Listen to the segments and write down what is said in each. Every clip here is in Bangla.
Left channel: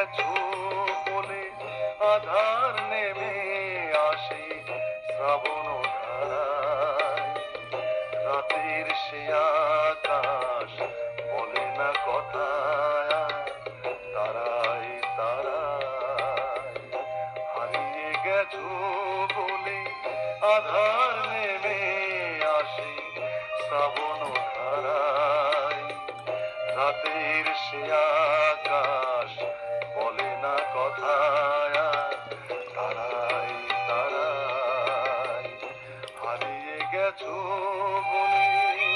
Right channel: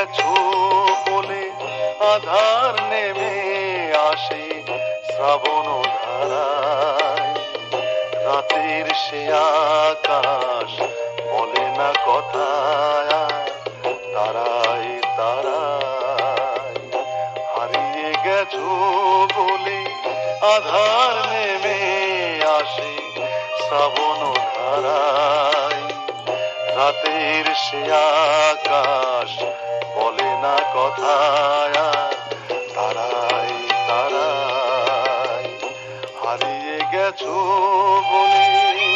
গেছো বলে আধার নেমে আসে শ্রাবণ রাতের সে আকাশ বলে না কথা তারাই তারায়। হারিয়ে গেছো বলে আধার নেমে আসে শ্রাবণ ধারায়। রাতের সে আকাশ বলে না কথা তারাই তারাই হারিয়ে গেছো বলে।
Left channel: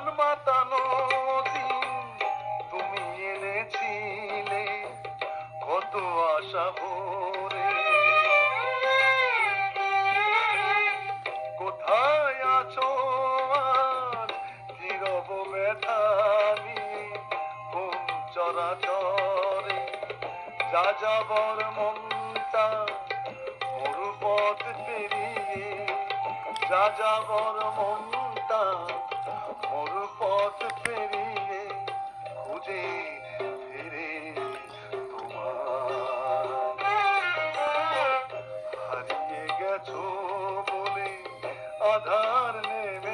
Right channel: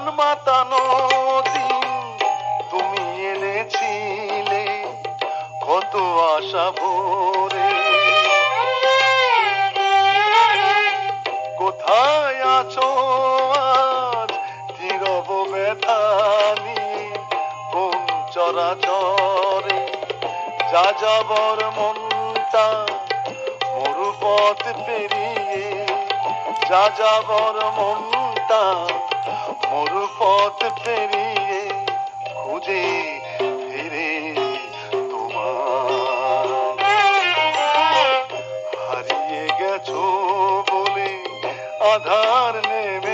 প্রাণ মাতানো দিন তুমি এনেছিলে কত আশা ভরে। কোথায় আছো আজ? নীরব ব্যথা নিয়ে কোন চরাচরে। যা যাবর মনটা মরুপথ পেরিয়ে, যা যাবর মনটা মরুপথ পেরিয়ে খুঁজে ফিরে তোমার। হারিয়ে গেছো বলে আধার নেমে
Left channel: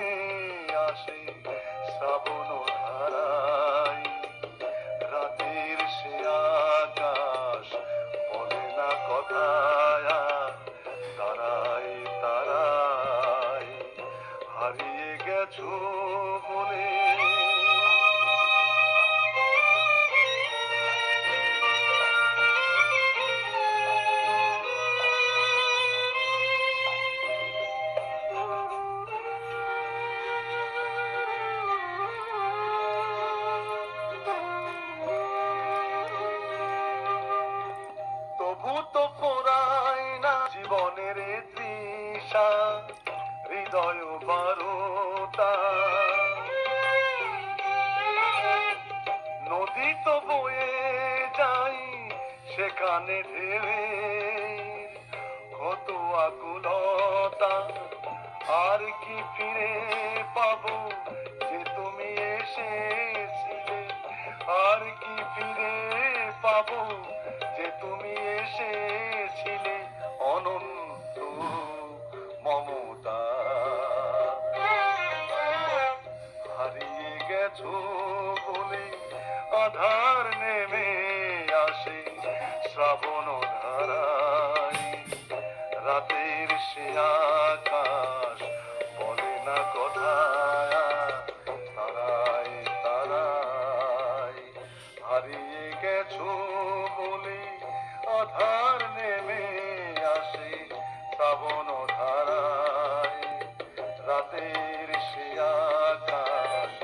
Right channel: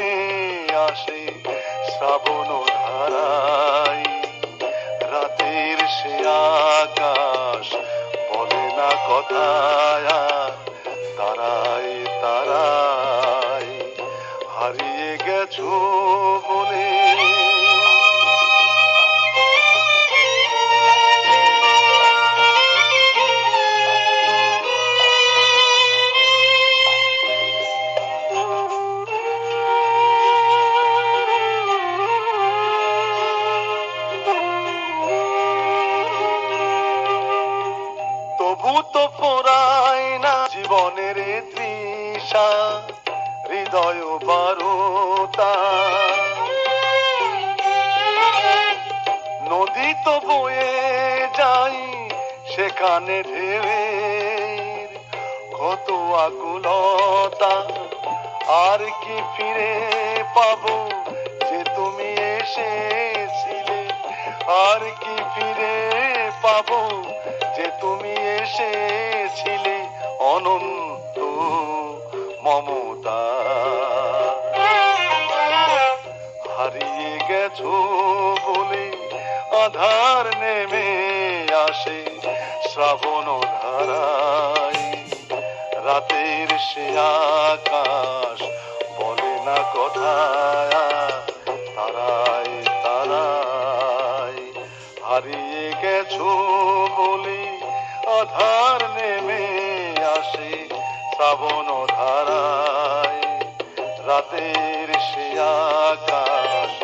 পোড়ায় না জীবনের তৃষা হৃদয় বারোতা বয়ে যাই সেখানে ঢেউয়ের কত আকুলতা। আর কি ফিরে পাবো যে তুমি এসেছিলে? আর কি ফিরে পাবো যে তুমি এসেছিলে? অনন্ত মমতা। হারিয়ে গেছো বলে আধার নেমে আসে শ্রাবণ ধারায়। রাতের সে আকাশ বলে না কথা তারাই তারাই হারিয়ে গেছো বলে আধার নেমে আসে শ্রাবণ ধারায়। রাতের সে আকাশ